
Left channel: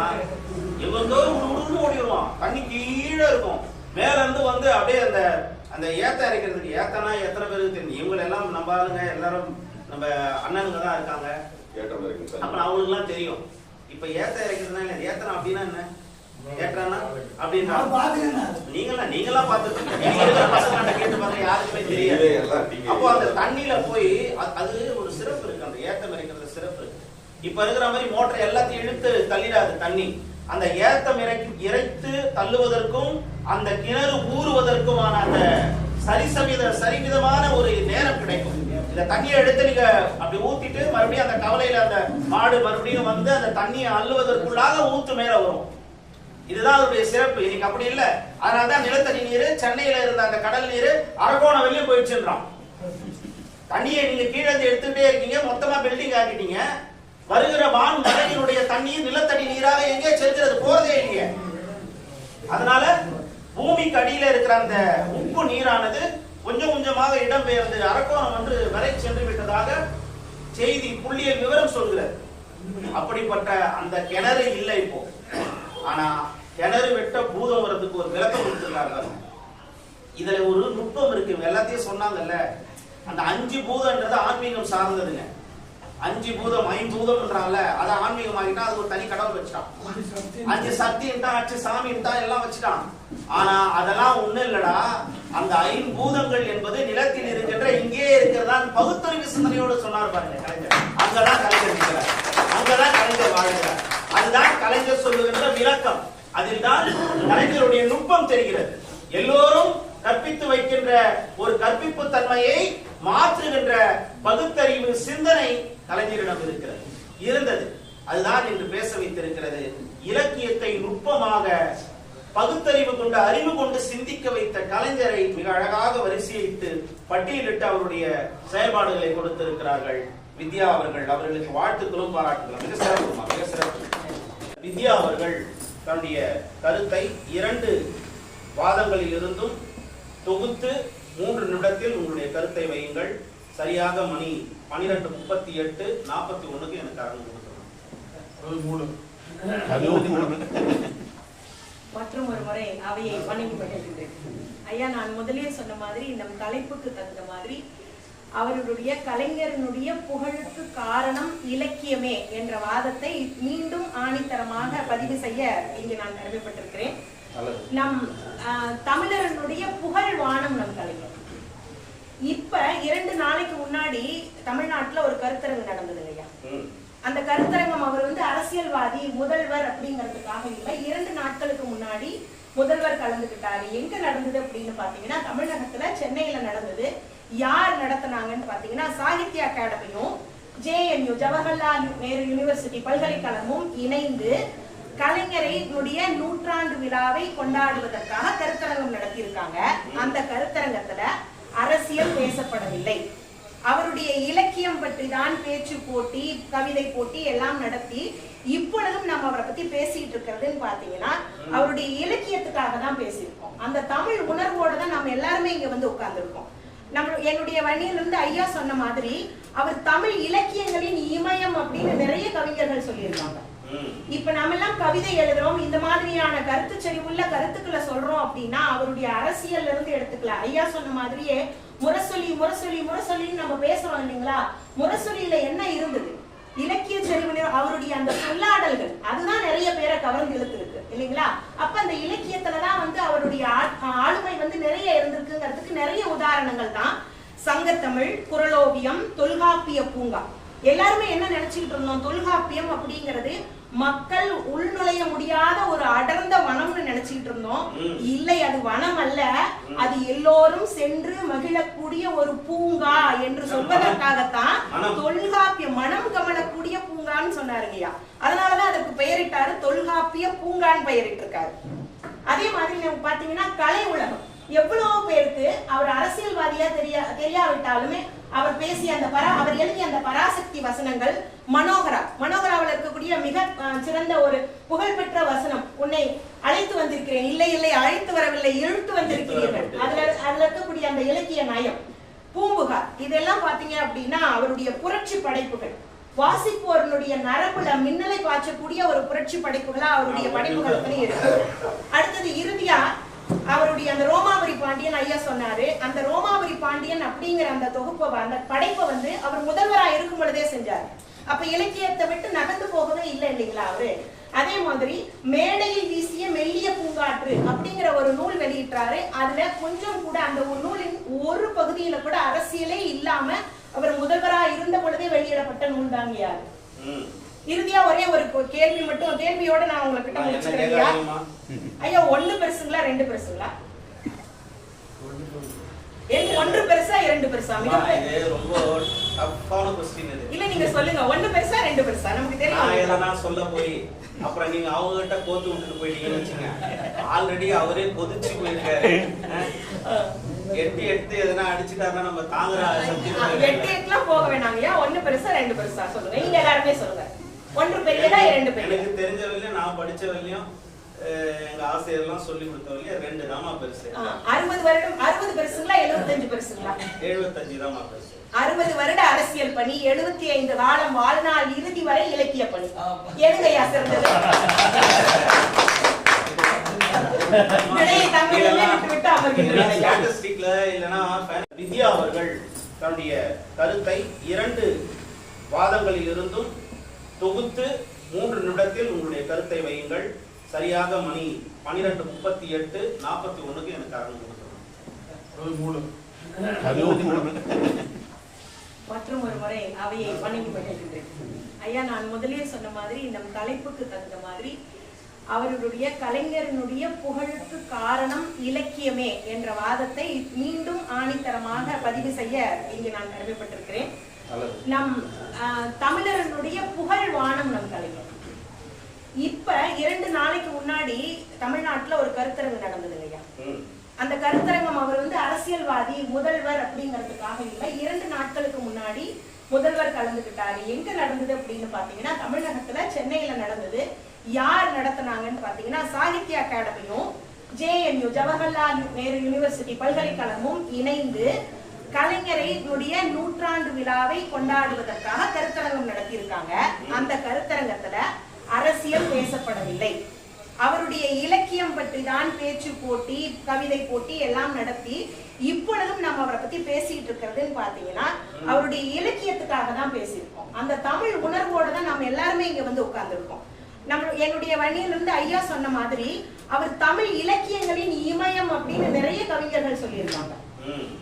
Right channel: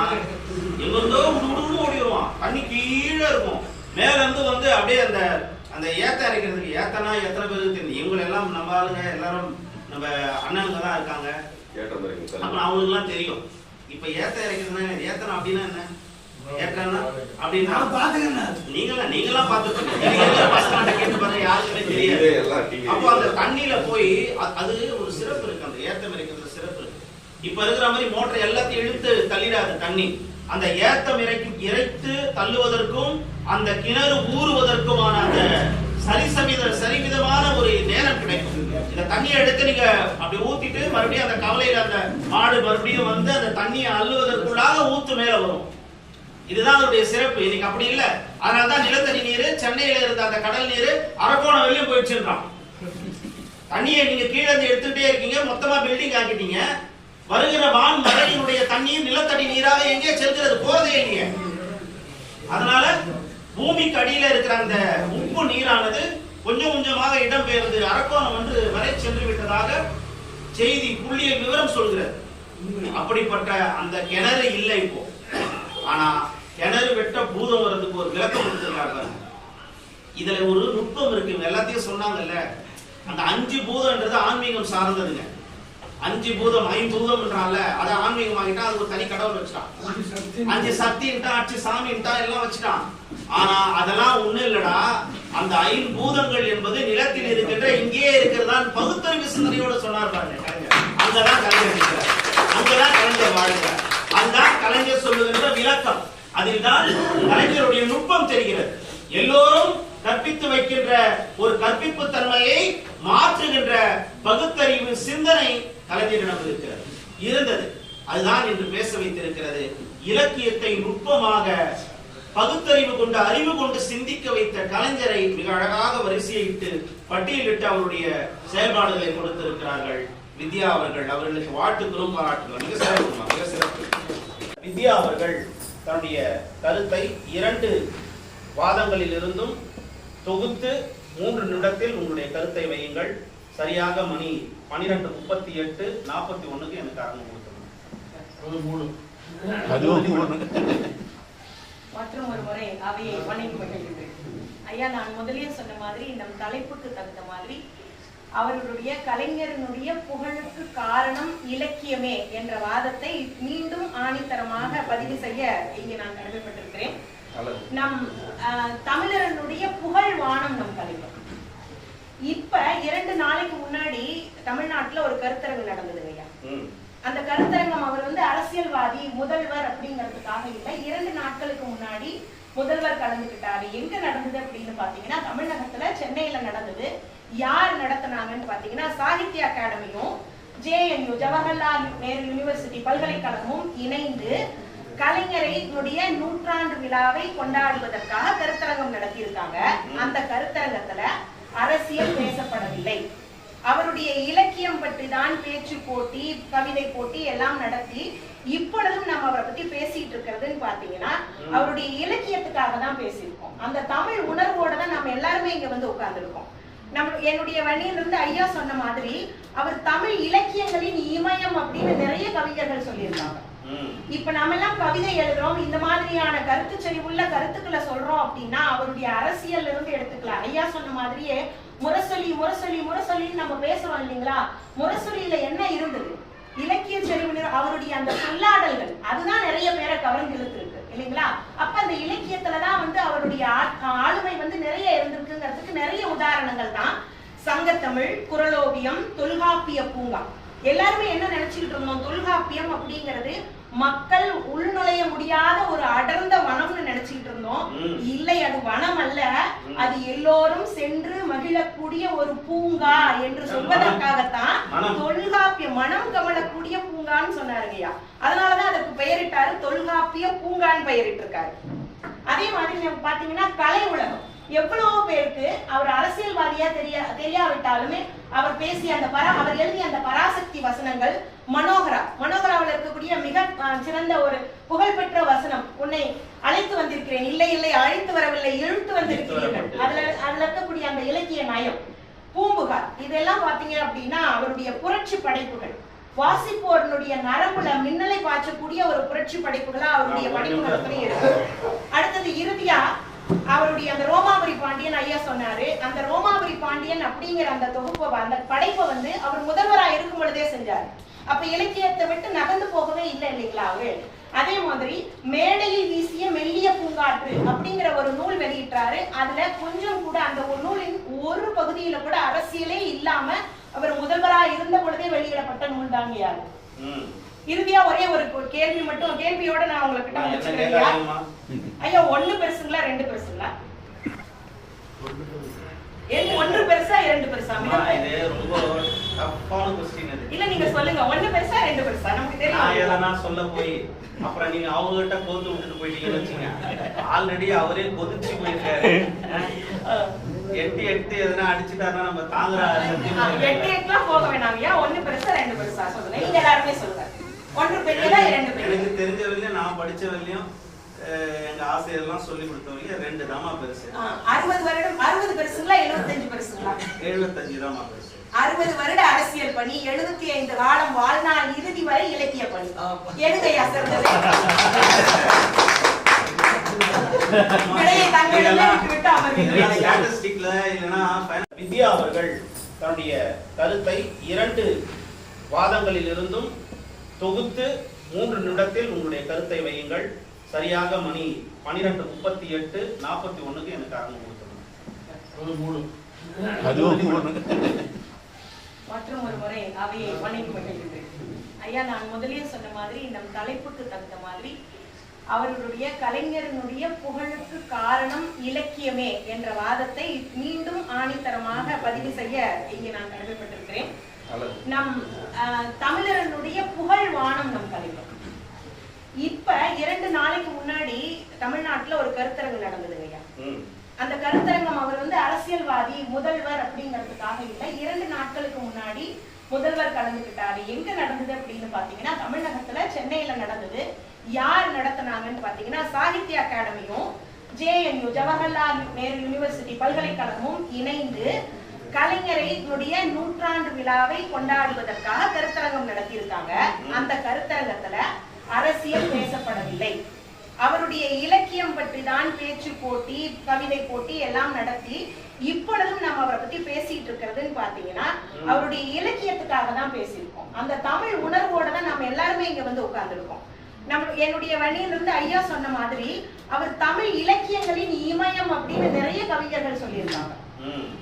எங்கெந்தோ உடுன்னு ஓடிடுவான். தண்ணி கீழே இருக்கும். மேல இருந்து வந்து அப்படியே அந்த அந்த ஏத்த இறைக்கிறதுக்கு ஏத்தனா எத்தனை பேருக்கு தெரியும். இவங்க எல்லாம் நம்ம ஆளுங்க எல்லாரும் நம்ம அண்ணனுங்க தான் இருக்காங்க. கேட்ட மாதிரி அப்ப அவங்களுக்கு எல்லாம் தெரியும். இப்ப ஏத்த இறைக்கிறதுனா என்ன? ஏத்தனா அப்படின்னா என்ன? நீங்களா நீங்களாம் பார்த்துட்டு நீங்க இருக்கிற பசங்கள்ட்ட கேட்டு பாருங்க யாருக்குமே தெரியாது. அப்போ அந்த தண்ணியில போய் அது ஒரு சிறப்பு இருக்கு அந்த ஏத்தம் சிறப்பு இருக்கு. இப்ப இருக்கிற மாதிரி மோட்டர் எல்லாத்தையும் இழுத்து தள்ளிடாது தண்ணி. அந்த ஏத்தம் இறைக்கு இறைத்து தள்ளுவதற்கும் அந்த கிணறு ஊறுவதற்குமான அந்த சரிசமித சரிவிதமான ஒரு நேரம் கிடைக்கும். இந்த தண்ணியை எடுத்து நீங்க அப்படி ஊத்திட்டு மறுபடியும் அந்த கவலையில அந்த மாடு மறுபடியும் வந்து அந்த தண்ணியை அள்ளுவதற்குள்ளாக ஊத்து மேல வரும். இதுதான் அதோடைய சிறப்பு. இன்னைக்கு அப்படி இல்ல. அதனாலதான் நிலத்தடி நீர் சென்னையில இருந்த அந்த கடல் நீர் அரக்கோணம் வெளியும் போயிடுச்சுன்றான். தண்ணியை நீங்க கீழே இருந்து எடுத்துட்டே இருக்கீங்க. மொத்தமா பில்டிங் ஆக்கிட்டீங்க. வருகிற வான் மழையினுடைய தண்ணீர் நிலத்தடி நீராக எங்கே செல்கிறது? போறதே எங்கே அதனால பூமிக்கு அடியில இருக்கிற அந்த உப்பு நீரானது கொஞ்சம் கொஞ்சமாக இடம்பெயர்ந்து அரக்கோணம் என்று வரை சென்று விட்டதாக செய்தி புள்ளிய விவரம் சொல்கிறது. அப்படிப்பட்ட அந்த கிணறு இல்லை இப்போ. ஆனா கிணறு வெட்ட பூதம் வர்றதுக்கு ஒரு விளக்கம் கொடுத்துருக்காரு இதுல ஒரு நுட்பம் இருக்கு. எல்லாத்தையும் சொன்னாங்கல்ல. அந்த அஞ்சு பூதம்ன்றது ஆன்மீகம் சார்ந்ததுங்க. அஞ்சு பூதம் ஐம்பூதம்ன்றால அதை ஆன்மீகம் ஆகிட்டா அது ஒரு தனி கடவுள் வச்சுட்டான். அஞ்சு சக்தின்ட்டா அச்சு சாமின்ட்டா எல்லாம் வச்சுட்டான். ஆனா அதெல்லாம் ஒண்ணு இல்லடா. அந்த ஐம்பூதங்கள் என்பது நிலத்தில் இருக்கின்ற இங்கே இருக்கிறதான் பகுத்தறிவு சிந்தனையோட சொன்னார் பாருங்க கலைஞர். அங்கதான் கலைஞர் அங்கதான் கலைஞர் வாழ்கிறார். அதுதான் கலைஞர் சொல்லுகின்ற விளக்கம். அதில் தான் கலைஞருடைய நுட்பம் தெரிகிறது. எல்லோரும் கற்பித்து வைக்கின்ற ஒரு கற்பிப்பு தன்மையை மாற்றுகின்ற பகுத்தறிவு சிந்தனை கலைஞரிடம் இருக்கிறது. இருந்தது. அதுதான் இன்று பேச வைத்திருக்கிறது. இலக்கியத்தை நுட்பமாக பகுத்தறிவு கொண்டு அறிவு கொண்டு சிந்திக்க வைத்த கலைஞரை மிக அழகாக வரிசையிட்டு பட்டியலிட்டு அவருடைய செயல்பாடுகளை கொடுத்திருக்கிறார்கள். வித்யா அவர்கள் அவர்களுக்கு வாழ்த்துக்களும் பாராட்டுகளும். மிக சிறப்பு மிக சிறப்பு. வித்யா அவர்கள் தன்னுடைய கருத்தை இரண்டு வாதங்களில் இருந்தும் தொகுத்து மூன்று நிமிடத்தில் உங்களுடைய கருத்தை வையுங்கள். சரியாக மணி பனிரெண்டு முப்பத்தி எட்டு நாற்பத்தி ஒண்ணுக்கு எனக்கு ஆரம்பம் கொடுக்கணும் மற்றும் ஒரு முறை அவையை வணங்கி மகிழ்கின்றேன் ஐயா நான் முதலில் சொன்ன மாதிரி நம் தலைப்புக்கு தகுந்த மாதிரி அவர்களுடைய கலைஞரனுடைய புகழுக்கு காரணம் இலக்கியமே என்ற வாதத்தை மீண்டும் ஆணித்தரமாக பதிவு செய்ய இங்கு நான் கடமைப்பட்டிருக்கிறேன். நம் ஆஹ், தமிழர்களுடைய புகழ் வானம் நம் கலைஞர். இப்ப இரண்டு நாளைக்கு முன்னாடி தமிழ்நாட்டுல ஒரு கருத்தரங்கு நடந்ததுங்க ஐயா. ம். அந்த கருத்தரங்கம் அவர் வந்து அரசியல்வாதி முதல்வர் அப்படிங்கிறதுக்காக இல்லை இரண்டு நாட்களுக்கு முன்னாடி முதல்வர் கலந்துக்கிட்டாரு. எங்க நடந்தது அப்படின்னு பாத்தீங்கன்னா தமிழகத்துல சென்னையில நடந்தது. யார் நடத்துனாங்கன்னு பாத்தீங்கன்னா சாகித்ய அகாடமியும் ஜேஎன்யூ ஜவஹர்லால் நேரு யுனிவர்சிட்டி பல்கலைக்கழகமும் இணைந்து கலைஞரினுடைய நூற்றாண்டு விழாவை கொண்டாடுவதற்காக கருத்தரங்கம் நடத்தியிருக்காங்க. அந்த கருத்தரங்கத்துல அரசியல் பேசப்படவில்லை. அவருடைய இலக்கியம் பற்றி தான் பேச்சு போட்டி கவிதை போட்டி எல்லாம் நடத்தி இப்பொழுதும் நம்ம அவரை பத்தி பேசிட்டு இருக்கிறதுன்னு பாத்தீங்கன்னா அவருடைய இலக்கியத்துக்காக தான் பேசியிருக்கோம். அந்த தமிழ் உணர்வோட தான் நம்ம எல்லாருமே இங்க வந்து உட்கார்ந்துருக்கோம். நம்ம என்னுடைய வண்டியிலிருந்து ஐயா சொன்ன மாதிரி அவர் தமிழ் இலக்கியங்களின் இமயம் அப்படின்னு நிறைய கவிஞர்கள் சொல்லியிருக்காங்க. இப்ப நாம எல்லாம் கவிதை எழுதுறோம் இந்த மாதிரியான கருத்து செறிவுள்ள கருத்துக்களை சொல்றோம் அப்படின்னா அவருடைய அரசியல்ல இருந்து எடுத்துக்கலாம் ஐயா சொன்ன மாதிரியே முரசொலி முரசொலி முரசொலின்னு நம்ம பேசுறோம் இல்லைங்களா? முரசொலியில என்ன இருந்தது? இலக்கிய செறிவு அவருடைய அந்த சொல்லாடல்கள் அதுதான் நிறைய பேரை கவர்ந்து இழுத்துருக்கு. இல்லைங்களா? அப்ப அந்த இலக்கியத்துலதான் வந்து அவருடைய ஆளுமை வந்து நிறைய இருந்திருக்குங்கிறதுக்கு நிறைய உதாரணங்கள் தான். சங்கத்தமிழ் குரலோவியம் தொல்காப்பிய பூங்கா. எல்லாருமே என்ன நினைச்சுக்கிட்டு இருந்தோம்? தொல்காப்பியம் அப்படிங்கிறது மக்கள் உள்நுழைய முடியாத ஒரு அடர்ந்த வனம்னு நினைச்சுக்கிட்டு இருந்தோம். இல்லை அது வனம் அல்ல. அது எல்லோரும் சென்று மகிழக்கூடிய ஒரு பூங்கா என்று சொல்வதற்காகத்தான். தொல்காப்பிய மனம் கமலக்கூடிய பூங்கான்னு சொன்னாருங்கய்யா. அதனாலதான் அதற்கு பெயரிட்டாரு தொல்காப்பிய பூங்கான்னு பெயரிட்டிருக்காரு. அதே மாதிரி நம்ம பாத்தீங்கன்னா கலை உலகம். எவ்வளவு பேருக்கு அவர் அரசியல்வாதியா தெரிய தெரியாவிட்டாலுமே அவர் பேசிய அந்த பரா அவர் எழுதிய அந்த பராசக்தி வசனங்கள் மனோகரா. மனோகராவில் இருக்கக்கூடிய மிக சிறந்த ஒரு புகழ்பெற்ற வசனம். உன்னை அழைத்து வந்திருக்கிறேன். இல்லை இல்லை அழைத்து வரவில்லை இழுத்து வந்திருக்கிறீர்கள். அதுல அதுல இருக்கக்கூடிய அந்த இலக்கிய நயம். பூம்புகார். இதெல்லாம் பாத்தீங்க அப்படின்னா அவருடைய புரட்சி படைப்புகள். வாசிப்போர்களுடைய நரம்புல மின்னலை பாய்ச்சக்கூடிய ஒரு புரட்சி படைப்புகளா அவருடைய படைப்புகள் இருக்கு. அடுத்தது இறுதியா அவருடைய அந்த ரோமாபுரி பாண்டியன் ஐயா சொன்னாரு அந்த ரோமாபுரி பாண்டியன் அப்படிங்கிற அந்த தொகுப்பை அந்த படைப்பை வந்து அவர் முதல்வரா இருக்கும் பொழுதே செஞ்சாரு. அப்ப இலக்கியத்தை விட்டு நகர்ந்து போகவே இல்லை இல்லைங்களா அவரு? அதே மாதிரி மேடையில் வீசிய மெல்லிய பூங்காற்று அப்படிங்கிற ஒரு நூல் வெளியிட்டாரு. அதுல கொஞ்சம் கூட அந்த ஒரு நூலின் ஒரு பகுதியில கூட அரசியலே இல்லாம அவர் முதல்வரா இருந்த பொழுதே வெளியிடப்பட்ட நூல் தாங்கியாரு இறுதியா ஒரே ஒரு கேள்வி மட்டும் கேள்வியோட நான் உங்ககிட்ட முடிச்சுக்கிறேன் ஐயா. ஒண்ணு பெருசுங்களா ரெண்டு பெருசுங்களா? ஒன்று பெருசா இரண்டு பெருசா? ரொம்ப இல்ல நீங்க சொல்லுங்க. ஒண்ணு பெருசா ரெண்டு பெருசா? நமக்கு தெரியும். எதனா சொல்ல போய் அப்புறம் நீங்க அவங்க கிட்ட கோத்து விட்டுட்டு போயிட்டீங்கன்னு வச்சுங்க. ஆல்ரெடி அவரே கொதிச்சு போயிருக்காரு. எட்டு எட்டு எதனா அடிச்சுட்டாருன்னா நம்ம தாங்குற எட்டு எட்டுலாம் போக வேணாங்க ஒண்ணு பெருசா ரெண்டு பெருசா? சொல்லுங்க. நீங்க எல்லாருமே சொல்லுங்க. ஒன்று பெரியதா இரண்டு பெரியதா? எனக்கு தெரிஞ்ச வரையிலும் நான் படிச்ச வரையிலும் எங்க ஆசிரியர்லாம் சொல்லி கொடுத்த வரையிலும் ரெண்டு தாமா பெருசு அறுபது வருடம் அறுபது பெருசுங்களா எழுபத்தஞ்சு பெருசுங்களா? எழுபத்தஞ்சு தாமா பெருசு. அறுபது வருட அரசியல் பணி எழுபத்தி ஐந்து காலம் வாழ்நாள் இறுதி வரை இலக்கிய பணி. எதுகையா சிறந்தது வித்யா அவர்கள் தன்னுடைய கருத்தை இரண்டு வாதங்களில் இருந்தும் தொகுத்து மூன்று நிமிடத்தில் உங்களுடைய கருத்தை வையுங்கள். சரியாக மணி பனிரெண்டு முப்பத்தி எட்டு நாற்பத்தி ஒண்ணுக்கு கொடுக்கணும் அதுவும் மூணு மற்றும் ஒரு முறை அவையை வணங்கி மகிழ்கின்றேன் ஐயா நான் முதலிலே சொன்ன மாதிரி நம் தலைப்புக்கு தகுந்த மாதிரி அவர்களுடைய கலைஞரினுடைய புகழுக்கு காரணம் இலக்கியமே என்ற வாதத்தை மீண்டும் ஆணித்தரமாக பதிவு செய்ய இங்கு நான் கடமைப்பட்டிருக்கிறேன். நம் தமிழரனுடைய புகழ் வானம் நம் கலைஞர். இப்ப இரண்டு நாளைக்கு முன்னாடி தமிழ்நாட்டுல ஒரு கருத்தரங்கு நடந்ததுங்க ஐயா. அந்த கருத்தரங்கம் அவர் வந்து அரசியல்வாதி முதல்வர் அப்படிங்கிறதுக்காக இல்லை இரண்டு நாட்களுக்கு முன்னாடி முதல்வர் கலந்துக்கிட்டாரு. எங்க நடந்தது அப்படின்னு பாத்தீங்கன்னா தமிழகத்துல சென்னையில நடந்தது. யார் நடத்துனாங்கன்னு பாத்தீங்கன்னா சாகித்ய அகாடமியும் ஜேஎன்யூ ஜவஹர்லால் நேரு யூனிவர்சிட்டி பல்கலைக்கழகமும் இணைந்து கலைஞரைனுடைய நூற்றாண்டு விழாவை கொண்டாடுவதற்காக கருத்தரங்கம் நடத்தியிருக்காங்க. அந்த கருத்தரங்கத்துல அரசியல் பேசப்படவில்லை. அவருடைய இலக்கியம் பற்றி தான் பேச்சு போட்டி கவிதை போட்டி எல்லாம் நடத்தி இப்பொழுதும் நம்ம அவரை பத்தி பேசிட்டு இருக்கிறதுன்னு பாத்தீங்கன்னா அவருடைய இலக்கியத்துக்காக தான் பேசியிருக்கோம். அந்த தமிழ் உணர்வோட தான் நம்ம எல்லாருமே இங்க வந்து உட்கார்ந்துருக்கோம். நம்ம என்னுடைய வழியிலிருந்து ஐயா சொன்ன மாதிரி அவர் தமிழ் இலக்கியங்களின் இமயம் அப்படின்னு நிறைய கவிஞர்கள் சொல்லியிருக்காங்க.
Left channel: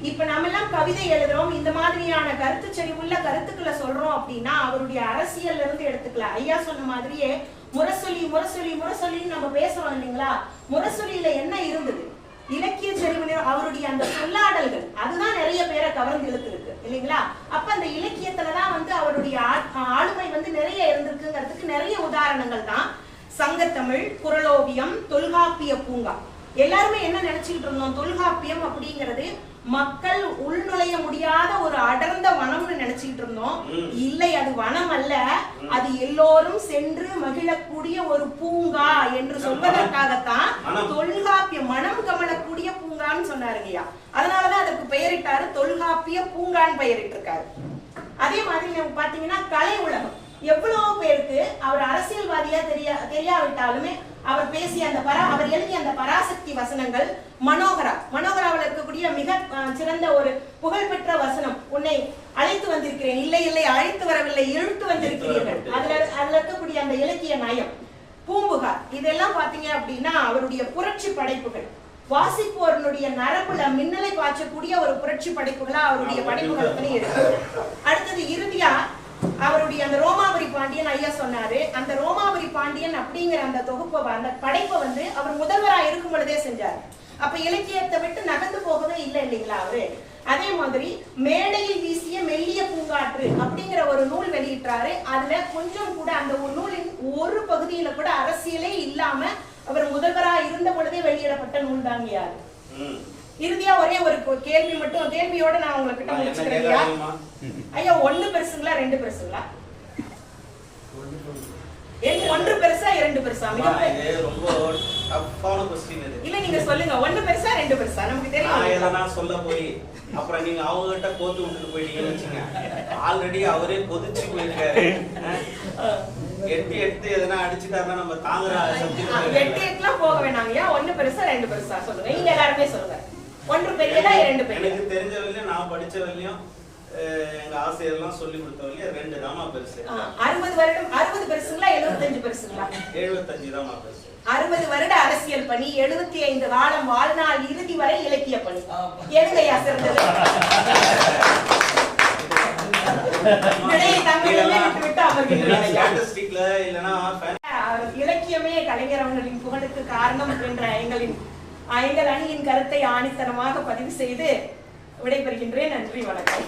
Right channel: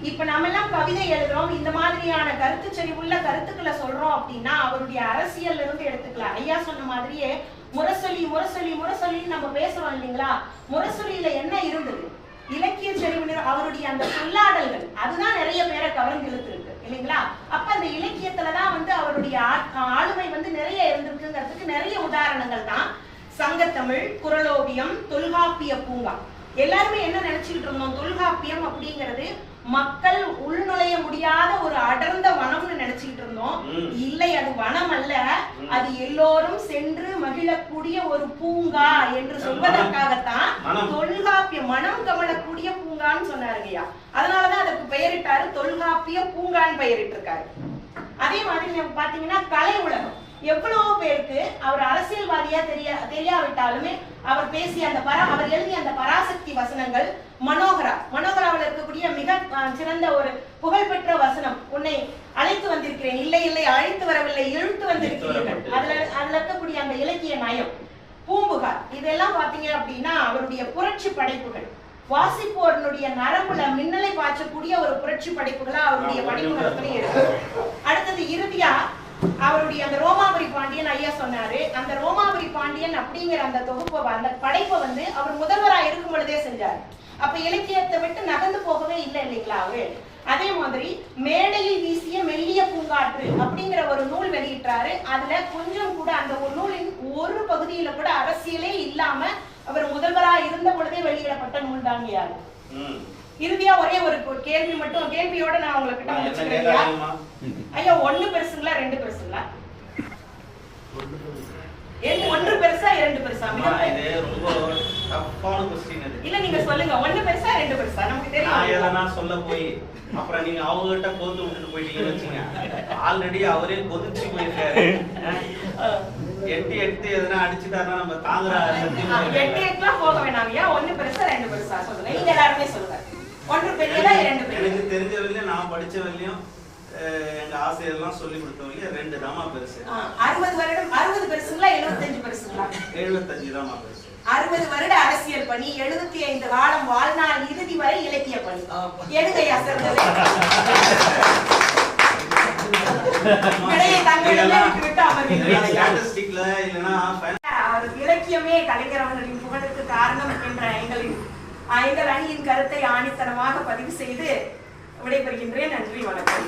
இப்ப நம்ம எல்லாம் கவிதை எழுதுறோம். இந்த மாதிரியான கருத்து செறிவுள்ள கருத்துக்களை சொல்றோம் அப்படின்னா அவருடைய அரசியல்ல இருந்து எடுத்துக்கலாம். ஐயா சொன்ன மாதிரியே முரசொலி முரசொலி முரசொலின்னு நம்ம பேசுறோம் இல்லைங்களா? முரசொலியில என்ன இருந்தது? இலக்கிய செறிவு அவருடைய அந்த சொல்லாடல்கள். அதுதான் நிறைய பேரை கவர்ந்து இழுத்துருக்கு இல்லைங்களா? அப்ப அந்த இலக்கியத்துலதான் வந்து அவருடைய ஆளுமை வந்து நிறைய இருந்திருக்குங்கிறதுக்கு நிறைய உதாரணங்கள் தான். சங்கத்தமிழ் குரலோவியம் தொல்காப்பிய பூங்கா. எல்லாருமே என்ன நினைச்சுக்கிட்டு இருந்தோம்? தொல்காப்பியம் அப்படிங்கிறது மக்கள் உள்நுழைய முடியாத ஒரு அடர்ந்த வனம்னு நினைச்சுக்கிட்டு இருந்தோம். இல்லை அது வனம் அல்ல. அது எல்லோரும் சென்று மகிழக்கூடிய ஒரு பூங்கா என்று சொல்வதற்காகத்தான் மனம். தொல்காப்பிய மனம் கமழக்கூடிய பூங்கான்னு சொன்னாருங்கய்யா அதனாலதான் அதற்கு பெயரிட்டாரு தொல்காப்பிய பூங்கான்னு பெயரிட்டிருக்காரு. அதே மாதிரி நம்ம பாத்தீங்கன்னா கலை உலகம். எவ்வளவு பேருக்கு அவர் அரசியல்வாதியா தெரிய தெரியாவிட்டாலுமே அவர் பேசிய அந்த பரா அவர் எழுதிய அந்த பராசக்தி வசனங்கள் மனோகரா. மனோகராவில் இருக்கக்கூடிய மிக சிறந்த ஒரு புகழ்பெற்ற வசனம். உன்னை அழைத்து வந்திருக்கிறேன். இல்லை இல்லை அழைத்து வரவில்லை இழுத்து வந்திருக்கிறீர்கள். அதுல அதுல இருக்கக்கூடிய அந்த இலக்கிய நயம். பூம்புகார். இதெல்லாம் பாத்தீங்க அப்படின்னா அவருடைய புரட்சி படைப்புகள். வாசிப்போர்களுடைய நரம்புல மின்னலை பாய்ச்சக்கூடிய ஒரு புரட்சி படைப்புகளா அவருடைய படைப்புகள் இருக்கு. அடுத்தது இறுதியா அவருடைய அந்த ரோமாபுரி பாண்டியன் ஐயா சொன்னாரு அந்த ரோமாபுரி பாண்டியன் அப்படிங்கிற அந்த தொகுப்பை அந்த படைப்பை வந்து அவர் முதல்வரா இருக்கும் பொழுதே செஞ்சாரு. அப்ப இலக்கியத்தை விட்டு நகர்ந்து போகவே இல்லை இல்லைங்களா அவரு? அதே மாதிரி மேடையில் வீசிய மெல்லிய பூங்காற்று அப்படிங்கிற ஒரு நூல் வெளியிட்டாரு. அதுல கொஞ்சம் கூட அந்த ஒரு நூலின் ஒரு பகுதியில கூட அரசியலே இல்லாம அவர் முதல்வரா இருந்த பொழுதே வெளியிடப்பட்ட நூல் தாங்க இறுதியா ஒரே ஒரு கேள்வி மட்டும் கேள்வியோட நான் நான் என்ன முடிச்சுக்கிறேன் ஐயா. ஒண்ணு பெருசுங்களா ரெண்டு பெருசுங்களா? ஒன்று பெருசா இரண்டு பெருசா? இல்ல நீங்க சொல்லுங்க. ஒண்ணு பெருசா ரெண்டு பெருசா? நமக்கு தெரியும். சொல்ல போய் அப்புறம் நீங்க அவங்க கிட்ட கோத்து விட்டுட்டு போயிட்டீங்கன்னு வச்சுங்க ஆல்ரெடி அவரே கொதிச்சு போயிருக்காரு. எட்டு எட்டு எதனா அடிச்சுட்டாருன்னா நம்ம தாங்குற எட்டு எட்டுலாம் போக வேணாங்கய்யா ஒண்ணு பெருசா ரெண்டு பெருசா சொல்லுங்க. நீங்க எல்லாருமே சொல்லுங்க. ஒன்று பெரியதா இரண்டு பெரியதா? எனக்கு தெரிஞ்ச வரையிலும் நான் படிச்ச வரையிலும் எங்க ஆசிரியர்லாம் சொல்லி கொடுத்த வரையும் ரெண்டு தாமா பெருசு. அறுபது வருடம் அறுபது பெருசுங்களா எழுபத்தஞ்சு பெருசுங்களா? எழுபத்தஞ்சு தாமா பெருசு. அறுபது வருட அரசியல் பணி எழுபத்தி ஐந்து காலம் வாழ்நாள் இறுதி வரை இலக்கிய பணி. எழுதையா சிறந்தது? இலக்கியமே கலைஞர் அவர்களின் புகழுக்கு காரணம் என்ற எங்களின் எங்கள் அணியின் கருத்தை ஆணித்தனமாக பதிவு செய்து விடைபெறுகின்றேன். நன்றி வணக்கம்.